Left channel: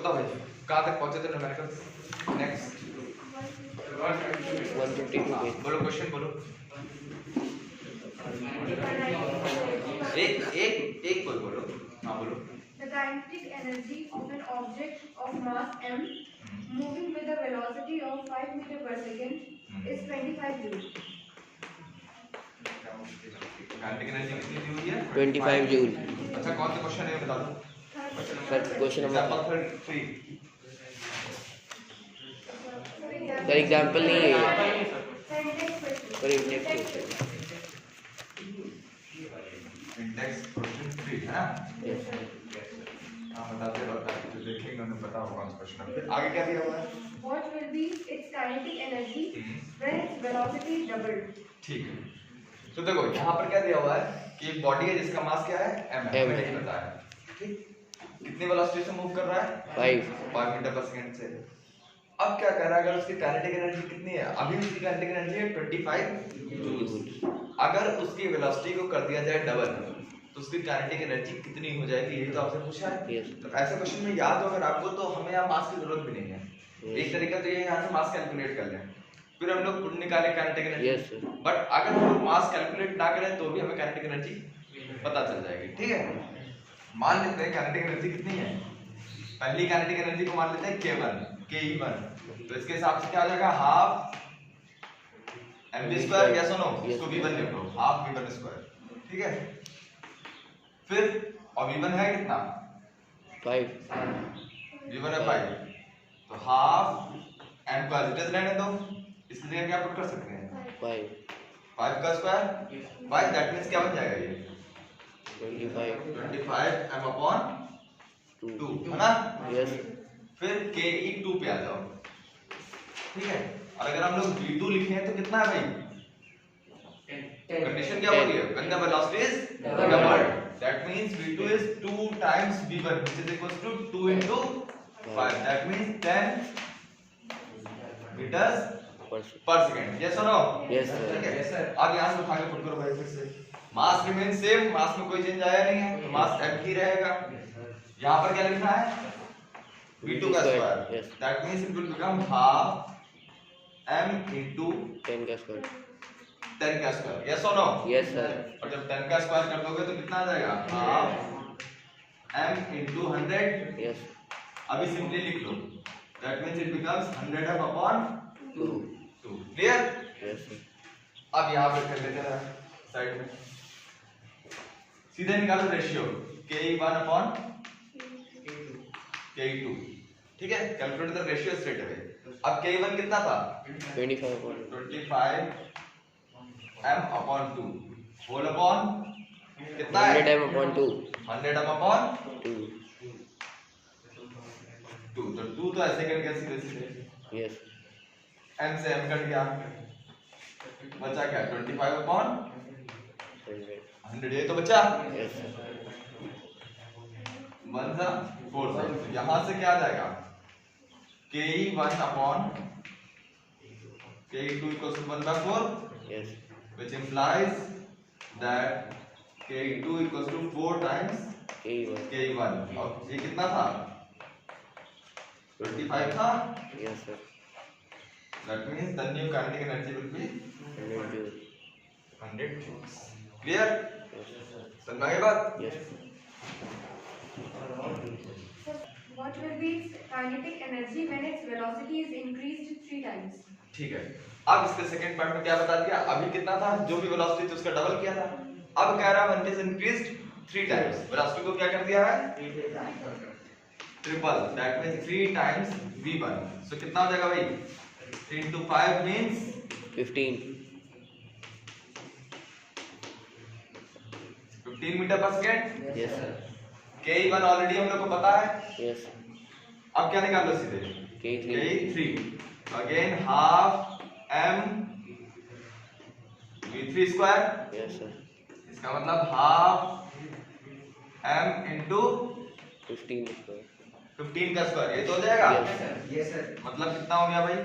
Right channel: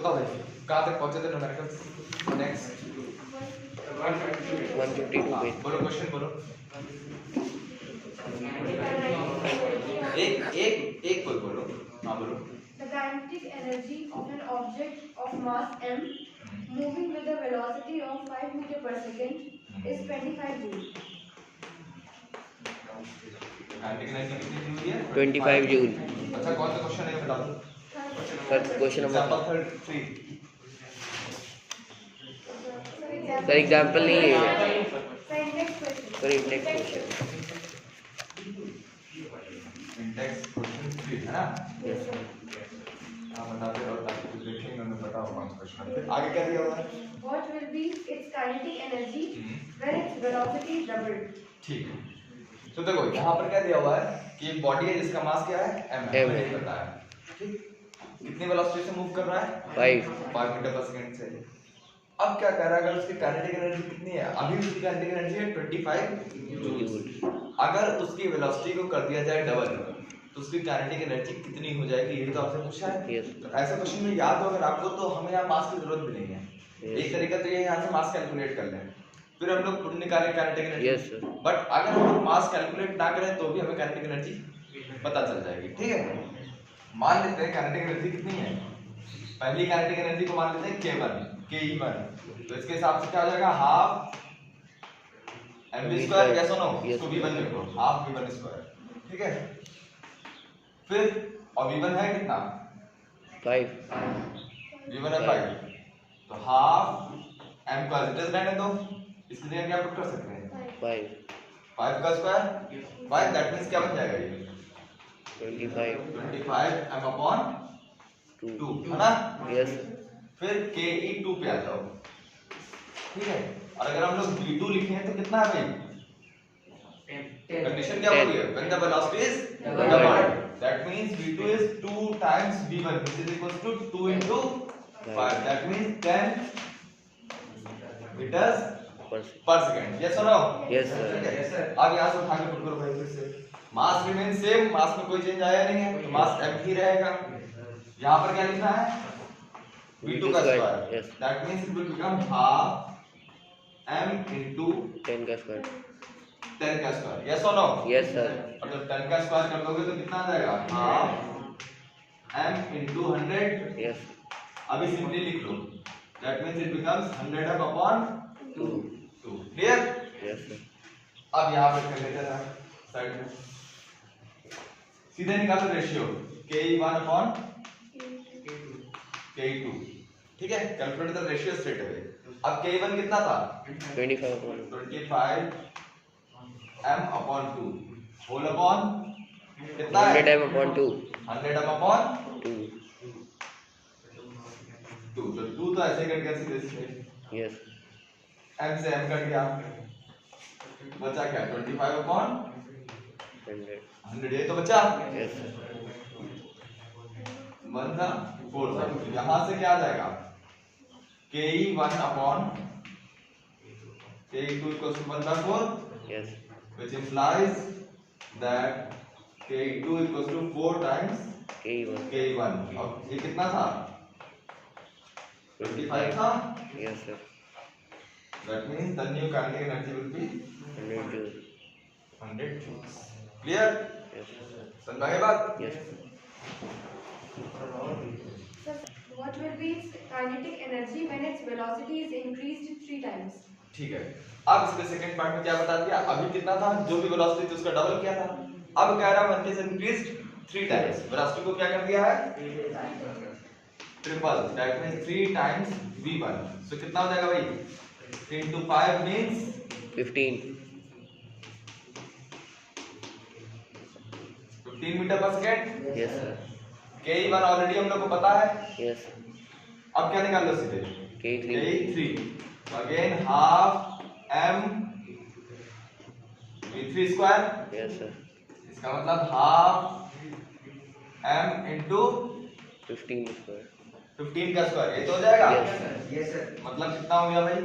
बताओ भाई कहाँ तक पहुंचे थे न्यूमेरिकल्स? Next 152 page. बोलो क्वेश्चन बोलो। एक एक एक कोई बोलो। हाँ बोलो। The kinetic energy of an object of mass m moving with a velocity of 5 meter per second is 25 joules. Kinetic energy कितनी जूल है? 25 जूल। अच्छा कौन सा क्वेश्चन है बता दो sir question number example 3। Sir example नहीं है sir, Sir, index question. Index question. Index question 3 है ना? Yes sir. हाँ बताते रहो ताकि जो देखेंगे उन्हें पता होगा कौन सा क्वेश्चन है। फिर आगे क्या दिया हुआ है? What will be its kinetic energy when its velocity is doubled? ठीक है तो देखो यहाँ पर क्या दिया हुआ है कि एक बॉडी है जिसका मास क्या है m है, M है। करता है ठीक। कितनी वेलोसिटी से मूव कर रहा है? 5 मीटर पर सेकंड से। अब क्या कर रहा है, अगर उसकी काइनेटिक एनर्जी कितनी है? अभी उसकी काइनेटिक एनर्जी है 25 जूल्स। अगर उसकी वेलोसिटी को कर दिया जाए डबल तो उसकी काइनेटिक एनर्जी कितनी हो जाएगी? ये तो आपसे पूछा है। Yes. तो ऐसा क्वेश्चन में याद हो अगर आपको तो हमें यहाँ मास की जरूरत भी नहीं है। Yes. एक तरीका तो ये है यहाँ से मास कैलकुलेट कर लें फिर हम लोग खुद निकाले kinetic energy. Yes, sir. But अगर हम लोग मास कैलकुलेट ना करें तो भी हमें काइनेटिक एनर्जी पता चल जाएगी। ठीक है मान लेते हैं काइनेटिक एनर्जी कितनी है। पहली काइनेटिक एनर्जी को मान लेते हैं K1 Ke1 तो इसके हिसाब से क्या हो जाएगा हाफ mv स्क्वायर या सुनो इसको v1 लिख लो हाफ v1 स्क्वायर। ठीक है फिर और v1 है कितना? 5 v1 है 5 तो हाफ m को एज इट इज रहने दो। इसकी जगह क्या पुट कर सकते हैं? 5 का स्क्वायर 5 दैट मींस क्या बन जाएगा ये 25 m अपॉन 2 है ना? यस। फिर ke2 पे आ जाओ। ठीक है और अगर हम लोग v2 लिखे हैं तो कितना है भाई? कंडीशन क्या बोली है? when the velocity is doubled that means v2 is 2 times v1 which is equals to 2 into 5 that means 10 meters per second। yes or no? Yes, sir. ठीक है अब यहाँ से उठा के पुट करो भाई फिर से। मास रिमेन सेम, मास में कोई चेंज आया नहीं है तो मास m ही रहेगा। यहाँ पर क्या लिखना है? v2 का square that means it will become half m into 10 का स्क्वायर। 10 का square. yes or no? Yes sir. और जब 10 का स्क्वायर कर दोगे तो कितना आ जाएगा? Half m into 100। यस। अभी सिंपली लिख लो that means it becomes 100m upon 2। Clear? Yes sir. अब यहाँ पर कर लेते हैं साइड में सीधे निकालो रेशियो ke1 upon ke2। ठीक है calculate the ratio straight away. अब ke1 कितना था? 25 m upon 2 होल अपॉन कितना है? 100 m upon 2। 100 m upon 2। 2 तो 2 तो ऐसे कट गया सीधे सीधे। यस। m से m कट गया बचा क्या? 25 upon 100 ये तो बचा। Yes sir. 1 था 4 था तो यहाँ से क्या आ जाएगा? ke1 upon ke2 equals to 1/4 yes. which implies that ke2 equals to 4 times ke1 और ये कितना था? 25 था। Yes sir. that means the new kinetic energy will be 100 joule. 100 joules। clear? Yes. समझ में आई बात? Yes. Sir, what will be its kinetic energy when its velocity is increased 3 times? ठीक है अब इसके सेकंड पार्ट में क्या बता दिया? अभी कितना था? जो भी वेलोसिटी थी उसका डबल किया था। अब कह रहा है when it is increased 3 times velocity को क्या कर दिया है? Triple that means 3 times v1 सो कितना हो जाएगा भाई? 3 into 5 means 15 मीटर पर second. Yes sir. ke1 already हम लोग को पता है। यस। अब क्या निकाल लो सीधे? K3 तो again half m v3 square. Yes sir. इसका मतलब हाफ m into 15 स्क्वायर। 15 का स्क्वायर ये तो हो जाएगा। Yes sir. मतलब कितना हो गया भाई?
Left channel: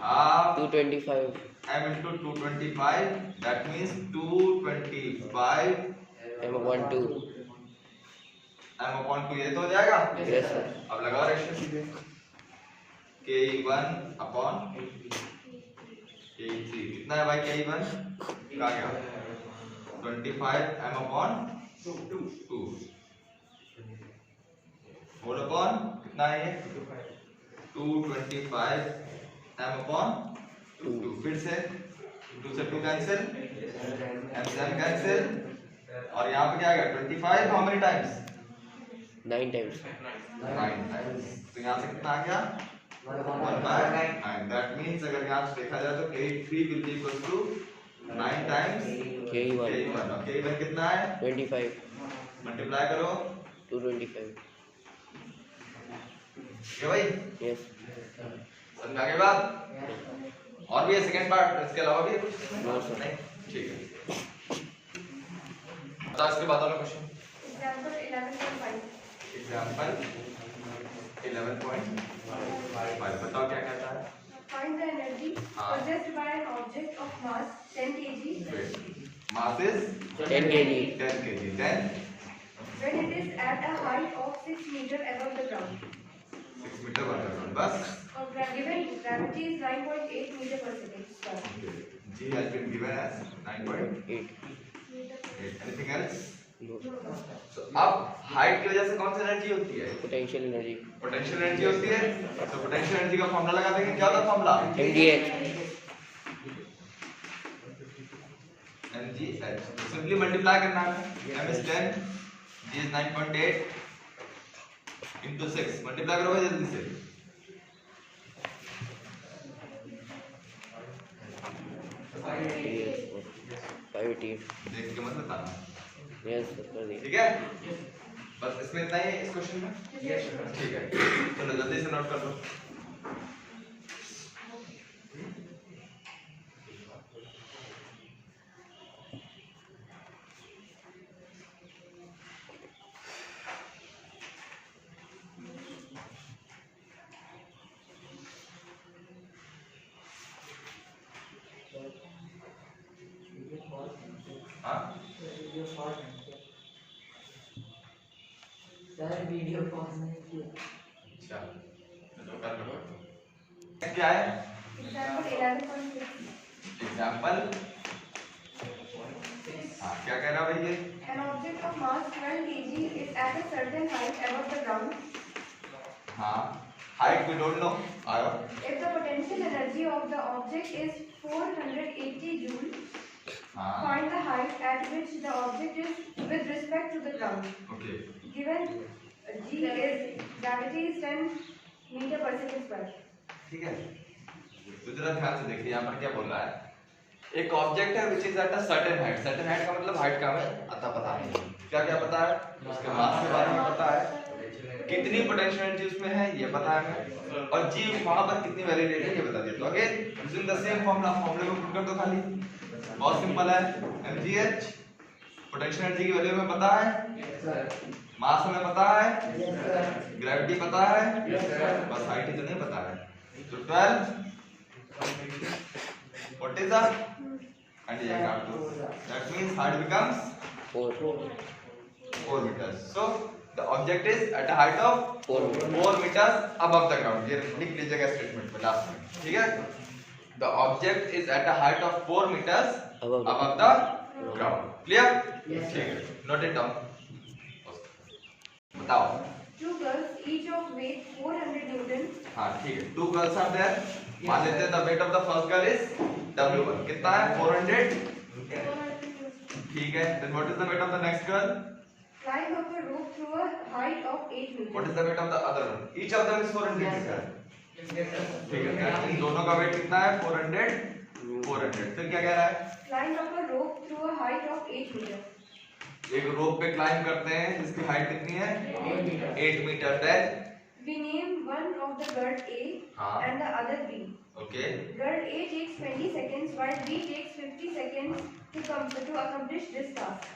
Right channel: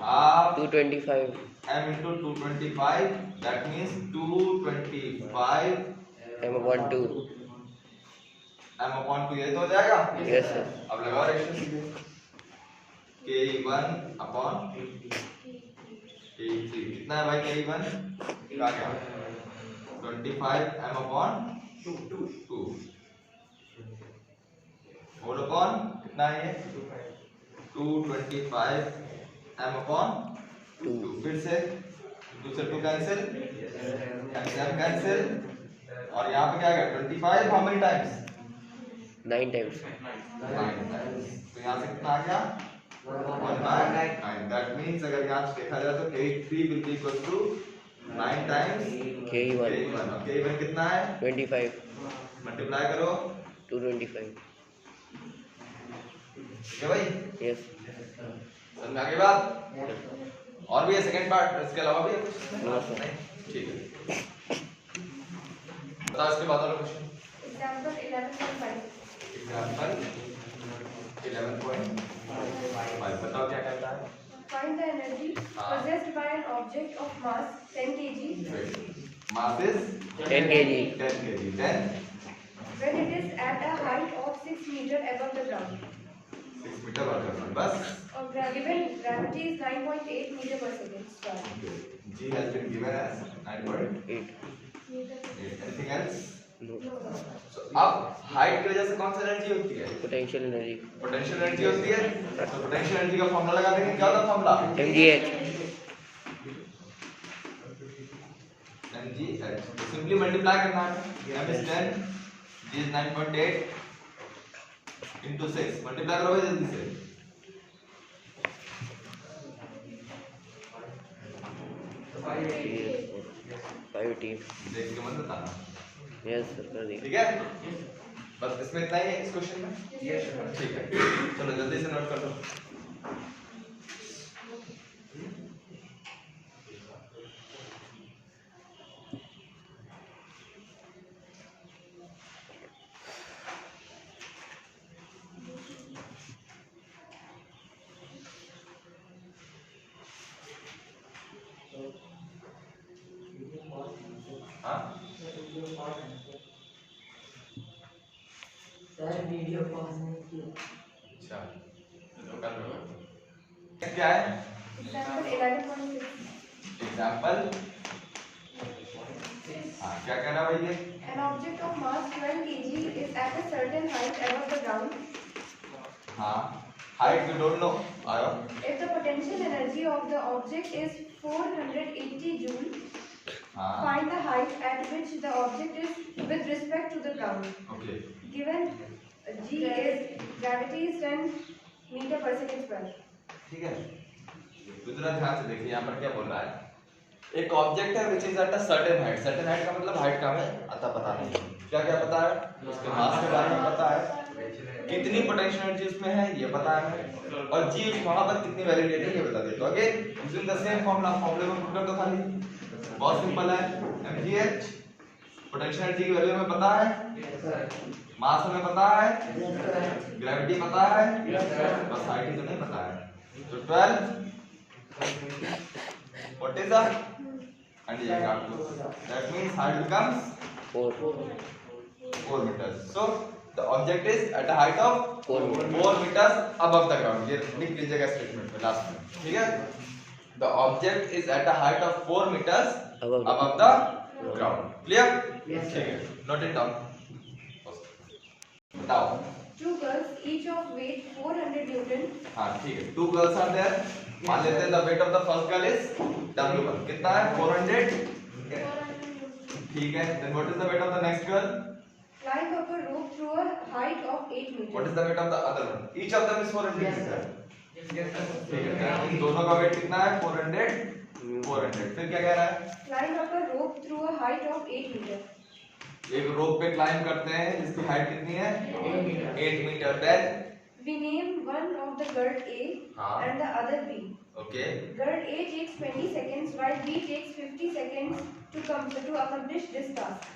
Half 225 m into 225 that means 225 m upon 2। m upon 2 ये तो हो जाएगा। Yes sir. अब लगाओ रेशियो सीधे k1 upon k3 कितना है भाई k1 का क्या 25 m upon 2 होल अपॉन कितना है ये 225 m upon 2 फिर से 2 से 2 कैंसिल m से m कैंसिल और यहाँ पे क्या आएगा 25 how many times 9 times 9 times तो यहाँ से कितना आ गया 1/9 दैट मींस अगर यहाँ से देखा जाए तो 83 will be equal to 9 times K1 k1 और k1 कितना है 25 मल्टीप्लाई करो 225 ठीक है भाई यस समझ में आ गई बात और भी है सेकंड पार्ट इसके अलावा भी है कुछ नो सर ठीक है बताओ इसके बाद वाला क्वेश्चन Example 11.5. एग्जांपल 11.5 बताओ क्या कहता है Find the energy possessed by an object of mass 10 kg mass is 10 kg 10 kg then when it is at a height of 6 meter above the ground. 6 metre पर सेकंड बस Or given gravity is 9.8 meter per second. Stop. g has been given as 9.8 8 anything else no so अब height की वजह से कौन सी energy होती है potential energy potential energy होती है तो पोटेंशियल एनर्जी का फार्मूला लगा देंगे क्या होगा फार्मूला mgh mgh तो सिंपली मल्टीप्लाई करना है m is 10 g is 9.8 into 6 multiply करो भाई जल्दी से फाइव टी देख के मत बताना यस सर कर दिया ठीक है बस इसमें इतना ही है इस क्वेश्चन में ठीक है चलो जल्दी से नोट कर लो सर वीडियो पॉज नहीं किया अच्छा तो कर लो क्या है Example 11.6. एग्जांपल हाँ क्या कह रहा भाई ये An object of mass 12 kg is at a certain height above the ground. हाँ हाइट वी डोंट नो आयो If the potential energy of the object is 480 joule, हाँ find the height at which the object is with respect to the ground. Okay Given g is gravity is 10 meter per second square. ठीक है तो जरा ध्यान से देखिए यहाँ पर क्या बोल रहा है एक ऑब्जेक्ट है which is at a certain height का मतलब हाइट का हमें पता नहीं क्या क्या पता है उसके मास के बारे में पता है कितनी पोटेंशियल एनर्जी उसमें है ये पता है हमें और जी वहां पर कितनी वैल्यू लेनी है ये बता दिया तो again using the same formula फॉर्मूले में पुट कर दो खाली बहुत सिंपल है mgh पोटेंशियल एनर्जी की वैल्यू हमें पता है मास हमें पता है ग्रेविटी पता है बस हाइट ही तो नहीं पता है तो 12 what is that and ये आप लोग that means height becomes 4 meters so the object is at a height of 4 meters above the ground ये लिख लीजिएगा स्टेटमेंट में लास्ट में ठीक है the object is at a height of 4 meters above the ground clear ठीक है note it down बताओ Two girls, each of weight 400 Newton. हाँ ठीक है two girls are there मान लेते हैं the weight of the first girl is W1 कितना है 400 ठीक है then what is the weight of the next girl Climb up a rope through a height of 8 meters. what is the weight of the other one each of them is 400 meters ठीक है इन दोनों का wait कितना है 400 फिर क्या कह रहा है Climb up a rope through a height of 8 meters. एक रोप पे क्लाइंब करते हैं जिसकी हाइट कितनी है 8 metre then We name one of the girl A हाँ and the other B. Okay Girl A takes 20 seconds while B takes 50 seconds to accomplish this task.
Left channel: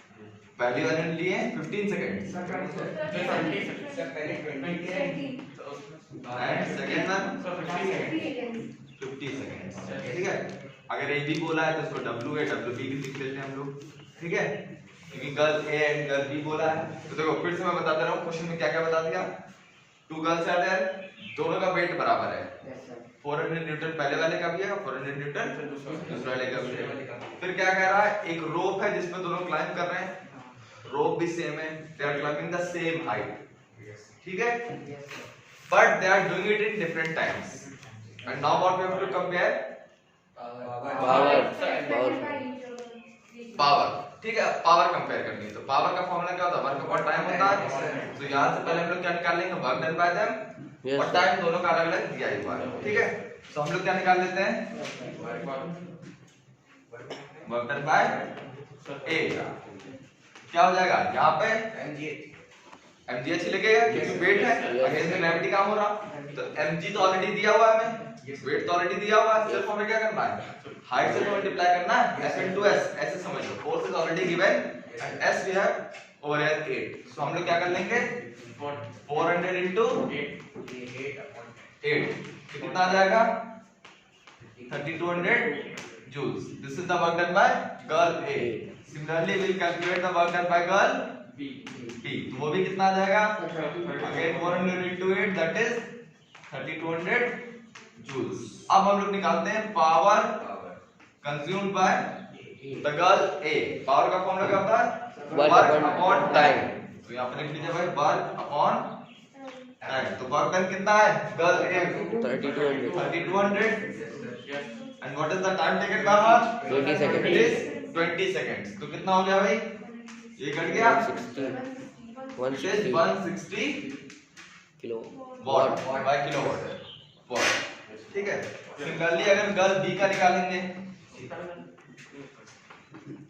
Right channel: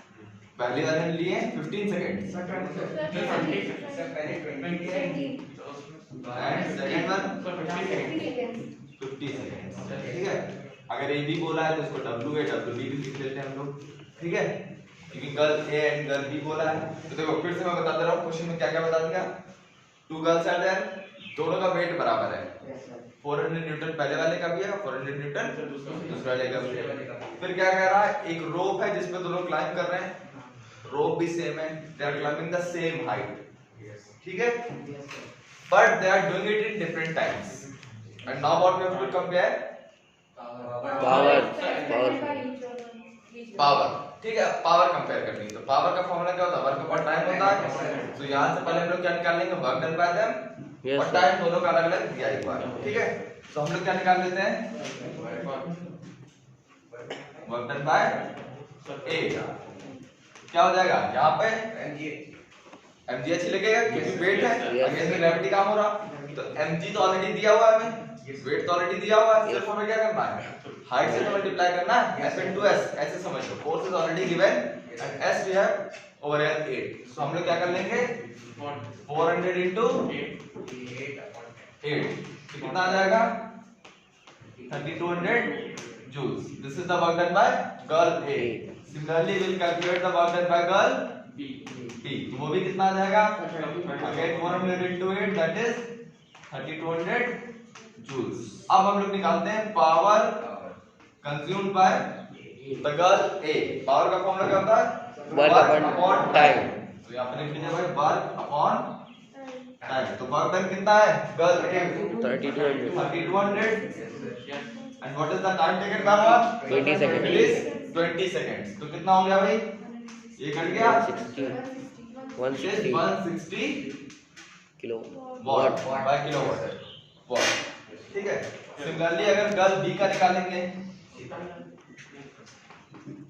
पहली वाले ने लिए 15 second and second one 50 seconds. 50 second ठीक है अगर A B बोला है तो उसको डब्ल्यू ए डब्ल्यू बी भी लिख लेते हैं हम लोग ठीक है क्योंकि girl A and girl B बोला है। तो देखो फिर से मैं बताता रहा हूँ, क्वेश्चन में क्या क्या बता दिया। 2 गर्ल्स आर देयर, दोनों का वेट बराबर है। 400 न्यूटन पहले वाले का भी है, 400 न्यूटन दूसरे वाले का भी है। फिर क्या कह रहा है, एक रोप है जिसपे दोनों क्लाइंब कर रहे हैं, रोप भी सेम है, they are climbing the same height, ठीक है, but they are doing it in different times. And now what we have to compare power, ठीक है, पावर कंपेयर करनी है। तो पावर का फॉर्मूला क्या होता है, वर्क अपॉन टाइम होता है। तो यहां से पहले हम लोग क्या निकालेंगे, वर्क डन बाय देम और टाइम दोनों का अलग अलग दिया हुआ है, ठीक है। तो हम लोग क्या निकाल लेते हैं, वर्क डन बाय ए क्या हो जाएगा, यहाँ पे mgh लिखेगा क्योंकि वेट है, अगेंस्ट द ग्रेविटी काम हो रहा। तो mg तो ऑलरेडी दिया हुआ है हमें, वेट तो ऑलरेडी दिया हुआ है, सिर्फ हमें क्या करना है, हाइट से मल्टीप्लाई करना है, s into s ऐसे समझ लो, force is already given and s we have over here 8। So हम लोग क्या कर लेंगे, 400 into 8 कितना आ जाएगा, 3200 joules। This is the work done by girl A। Similarly will calculate the work done by girl B। तो वो भी कितना आ जाएगा, again 400 into 8 that is 3200 joules। अब हम लोग निकालते हैं power consumed by the girl A। Power का फॉर्मूला क्या होता है, वर्क अपॉन टाइम। तो यहाँ पे लिख दीजिए भाई वर्क अपॉन टाइम। तो वर्क डन कितना है, girl A 3200 and what is the time taken by her, 20 second. 20 seconds. तो कितना हो गया भाई, ये कट गया 160 किलो वाट बाय किलोवाट वाट, ठीक है। सिमिलरली अगर गर्ल B का निकालेंगे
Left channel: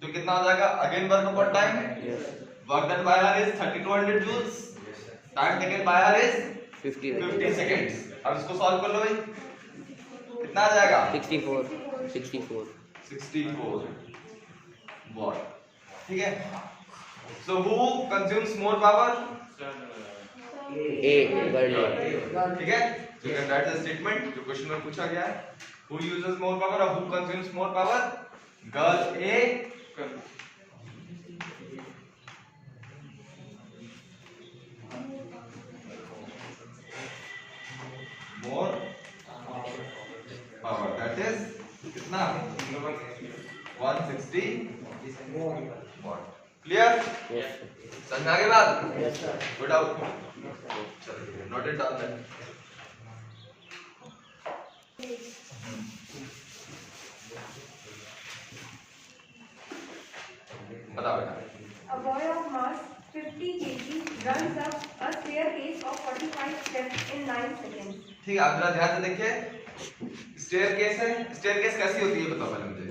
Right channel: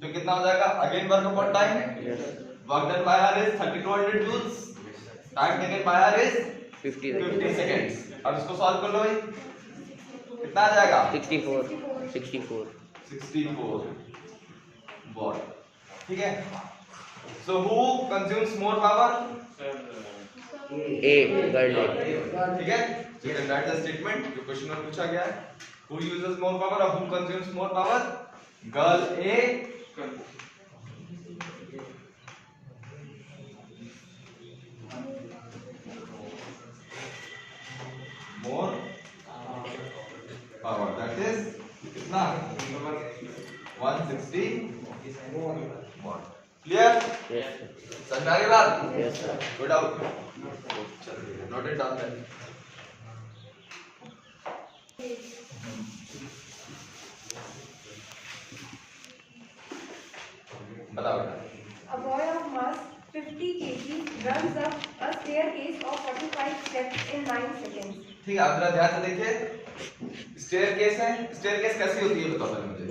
तो कितना हो जाएगा, again work upon time, work done by her is 3200 joules, time taken by her is 50 seconds. अब इसको सॉल्व कर लो भाई, कितना आ जाएगा, 64 वाट, ठीक है। So who consumes more power, a girl a, ठीक है। So you can write the statement जो क्वेश्चन में पूछा गया है, who uses more power or who consumes more power, girl A more power, that is कितना 160 watt। क्लियर, समझ में आ गई बात, yes sir. Good out, note it down. बताओ बेटा, A boy of mass 50 kg runs up a staircase of 45 steps in 9 seconds. ठीक है। आप जरा ध्यान से देखिए, स्टेयरकेस है, स्टेयरकेस कैसी होती है बताओ पहले मुझे,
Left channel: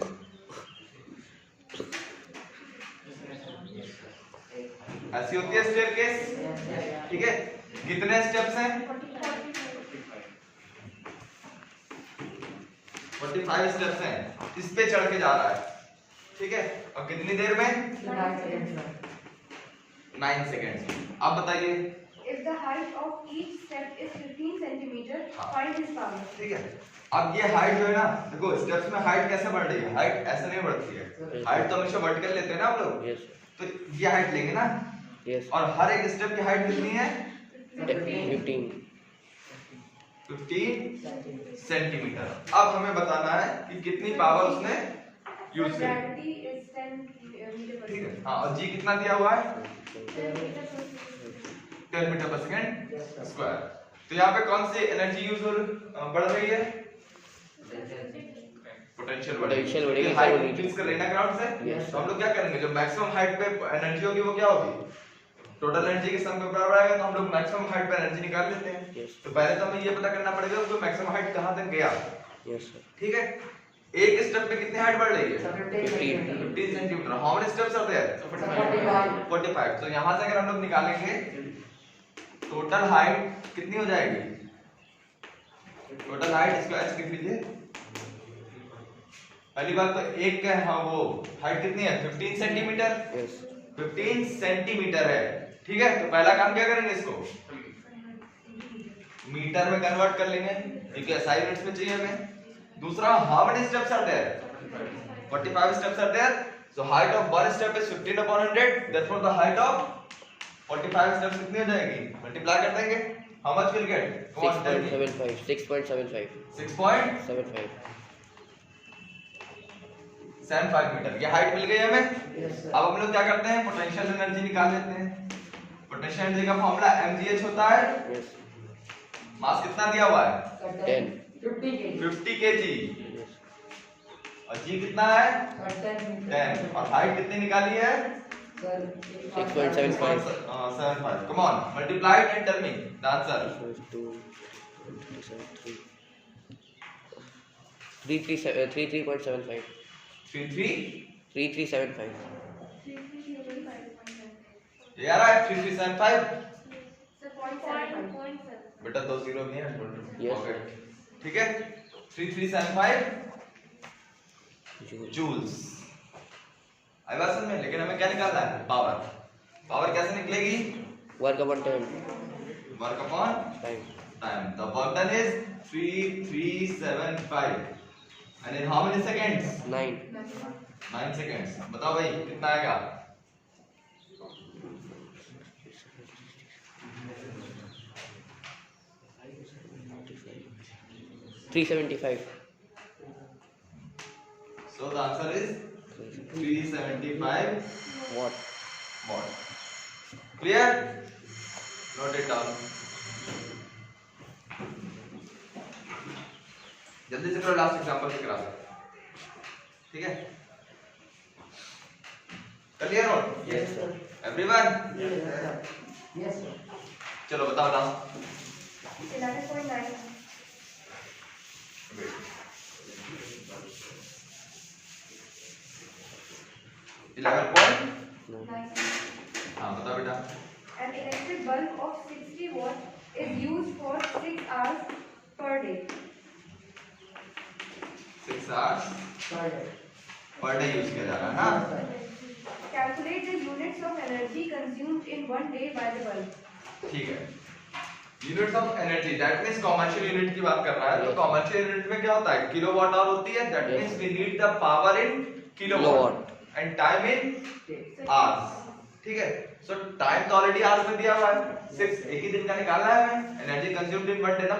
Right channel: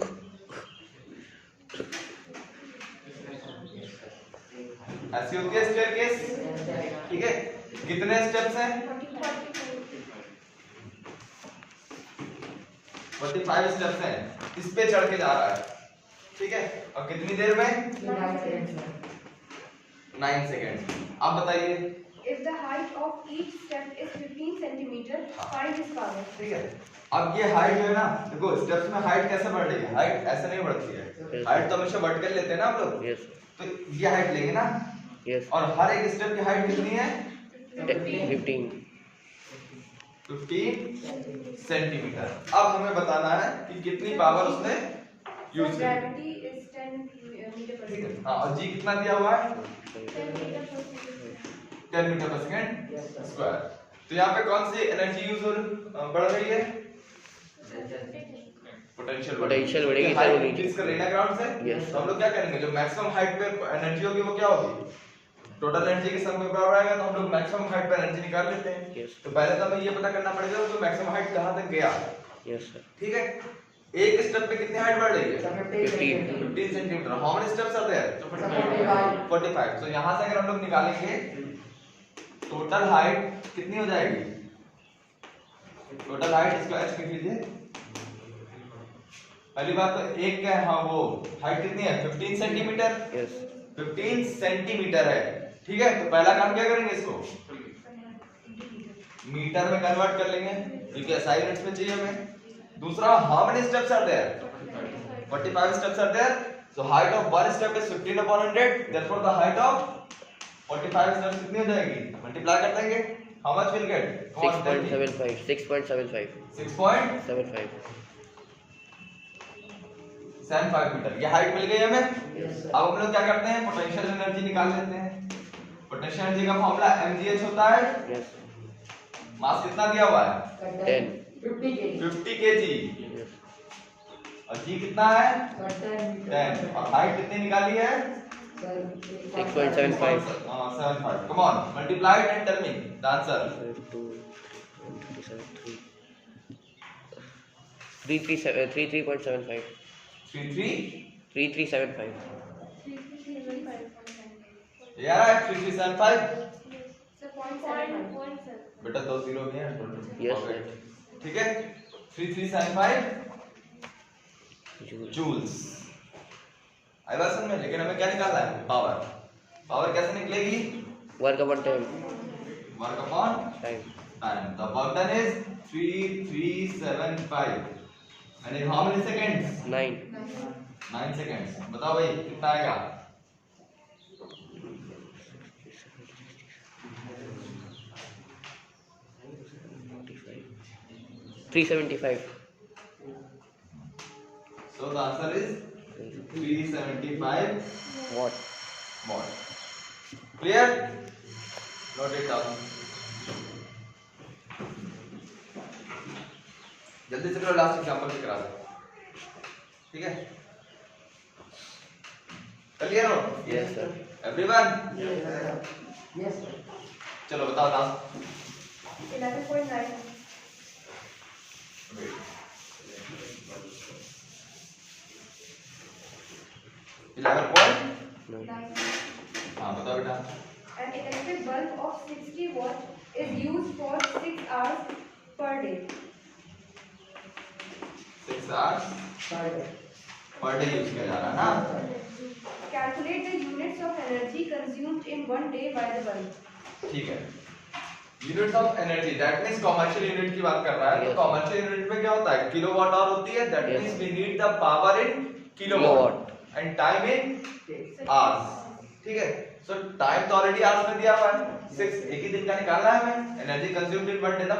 ऐसी होती है स्टेयरकेस, ठीक है। कितने स्टेप्स हैं, 45 स्टेप्स हैं, इस पे चढ़ के जा रहा है, ठीक है। और कितनी देर में, 9 सेकेंड्स। अब बताइए, If the height of each step is 15 centimeter, find his power. ठीक है। अब ये हाइट जो है ना, देखो स्टेप्स में हाइट कैसे बढ़ रही है, हाइट ऐसे नहीं बढ़ती है, हाइट तो हमेशा वर्टिकल लेते हैं ना हम लोग, यस तो ये हाइट लेंगे ना, यस। और हर एक स्टेप की हाइट कितनी है, 15 सेंटीमीटर। अब हमें बताना है कि कितनी पावर उसने यूज की, Gravity is 10 meter per ठीक है। second. हाँ, और जी कितना दिया हुआ है, 10 meter per second. 10 मीटर पर सेकंड स्क्वायर। तो यहाँ पे कौन सी एनर्जी यूज बढ़ रही है, पोटेंशियल Potential बढ़ेगी सर, वो नीचे। इंक्रीज कर रही है ग्राउंड से। Yes. तो हम लोग क्या करेंगे, जो मैक्सिमम हाइट पे एनर्जी होगी वो क्या होगी, टोटल एनर्जी के सम में बराबर आएगा। तो हम लोग मैक्सिमम हाइट पे एनर्जी निकाल लेते हैं। Yes. तो पहले तो हमें ये पता करना पड़ेगा जो मैक्सिमम हाइट कहाँ तक गया, यस सर। ठीक है। एक स्टेप पे कितनी हाइट बढ़ रही है, 15 centimetre. How many steps are there, 45। तो यहाँ से अगर हम लोग निकालेंगे टोटल हाइट कितनी हो जाएगी, टोटल हाइट इसको h लिख लीजिए। पहली बात तो एक का हाँ वो हाइट कितनी है, 15 सेंटीमीटर, यस 15 सेंटीमीटर है, ठीक है। तो पहला काम क्या करेंगे, इसको मीटर में कन्वर्ट कर लेंगे क्योंकि एसआई यूनिट्स में चाहिए हमें। दूसरा, how many steps are there, 45 steps are there. So height of one step is 15 upon 100. Therefore the height of 45 steps कितनी हो जाएगी? Multiply कर देंगे. How much we'll get? Come on, tell me. 6.75 6.75 metre. ये हाइट मिल गई हमें. Yes, sir. अब हम लोग क्या करते हैं? पोटेंशियल एनर्जी निकाल लेते हैं. पोटेंशियल एनर्जी का फॉर्मूला mgh होता है. yes मास कितना दिया हुआ है? 10 50 kg. 50 kg. yes और g कितना है? 10. और हाइट कितनी निकाली है? 6.75 75. Come on, multiply it and tell me the answer. 33.75 33. 3375 ये आ रहा है 3375. So 0.7. बेटा दो जीरो भी हैं. Yes, sir. ठीक है. 3375 joule जूल्स. आई बात समझ में. लेकिन हमें क्या निकालना है? पावर. पावर कैसे निकलेगी? work upon time work upon time time. The work done is 3375 and in how many seconds? 9 9 seconds. बताओ भाई कितना आएगा? $375 So the answer is 375 watt watt. Clear? Note it down. जल्दी से करो. लास्ट एग्जांपल से करा दो. ठीक है? क्लियर हो? yes sir everyone. Yes, sir. चलो बताओ लास्ट. 11.9. वेट. 11 9 हाँ बताओ बेटा. An electric bulb of 60 watt is used for 6 hours per day. 6 hours Sorry. per day use किया जा रहा है ना. Calculate the units of energy consumed in 1 day by the bulb. ठीक है. Units of energy that means commercial unit की बात कर रहा है. तो Yes. कमर्शियल यूनिट में क्या होता है? किलोवाट आवर होती है. That Yes. Means we need the power in kilowatt Kilowatt. And time in hours. ठीक है. सो टाइम तो ऑलरेडी आवर्स में दिया हुआ है. 6 एक ही दिन का निकालना है हमें. एनर्जी कंज्यूम्ड इन 1 डे ना.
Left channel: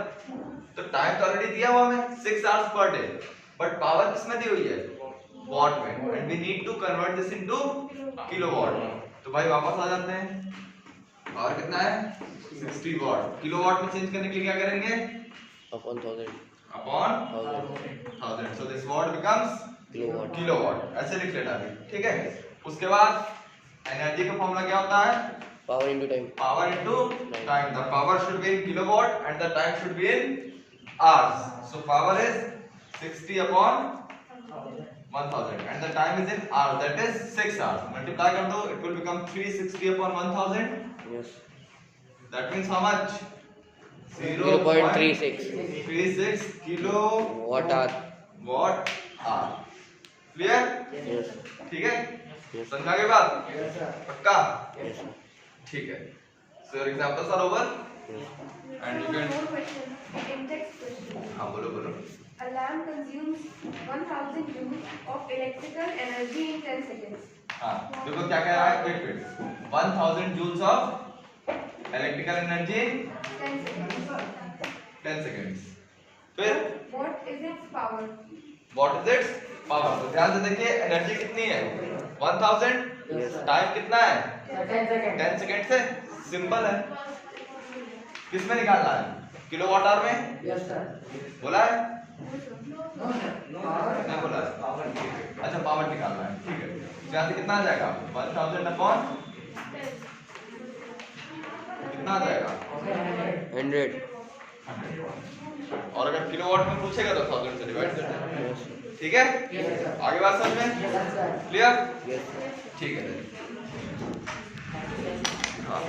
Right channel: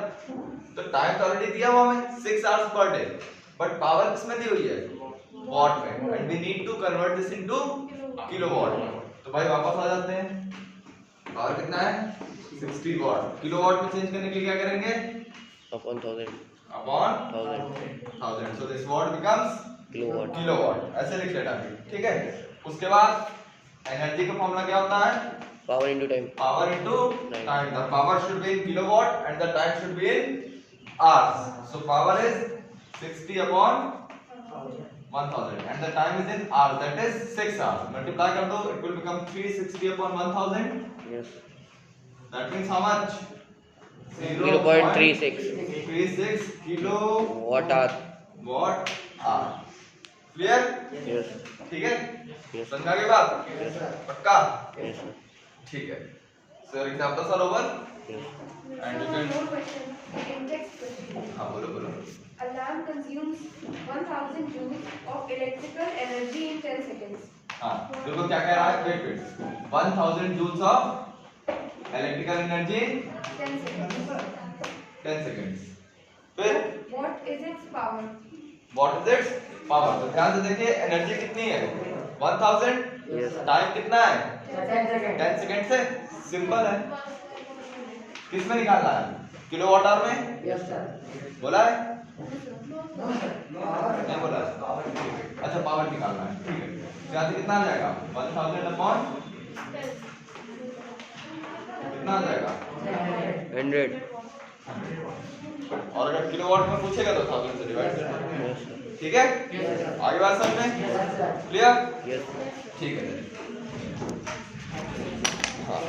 तो टाइम तो ऑलरेडी दिया हुआ हमें 6 hours per day. But power किसमें दी हुई है? वॉट में. And we need to convert this into kilowatt. तो भाई वापस आ जाते हैं. पावर कितना है? 60 वॉट. किलोवाट में चेंज करने के लिए क्या करेंगे? upon 1000 upon 1000 1000. So this what becomes kilowatt kilowatt. ऐसे लिख लेना अभी. ठीक है. उसके बाद एनर्जी का फॉर्मूला क्या होता है? power into time power into Right. Time. The power should be in kilowatt and the time should be in hours. So power is 60 upon 1000 and the time is in hours, that is 6 hours. Multiply कर दो, it will become 360 upon 1000. yes That means how much? 0.36 36 watt hour watt hour. Clear? yes ठीक है. yes समझा के बात? Yes, sir. पक्का? yes sir ठीक है. So your examples are over. yes And you One can. more question. In-text question. हाँ बोलो बोलो. A lamp consumes 1000 joules of electrical energy in 10 seconds. हाँ देखो क्या कह रहा है. Wait wait. 1000 joules of electrical energy 10 seconds. 10 seconds. फिर What is its power? What is its power? तो ध्यान से देखिए एनर्जी कितनी है? 1000. yes टाइम कितना है? 10 seconds. 10 सेकंड से. सिंपल है. किस में निकालना है? किलोवाट आवर में. Yes, sir. बोला है? No, sir. Power. नहीं बोला. अच्छा पावर निकालना है. ठीक है. यहाँ से कितना आ जाएगा? 1000 अपॉन कितना आ जाएगा? 100 और अगर किलोवाट में पूछेगा तो 1000 से डिवाइड कर देना. yes sir ठीक है. Yes, sir. आगे बात समझ में? Yes, sir. Clear? yes sir ठीक है. हाँ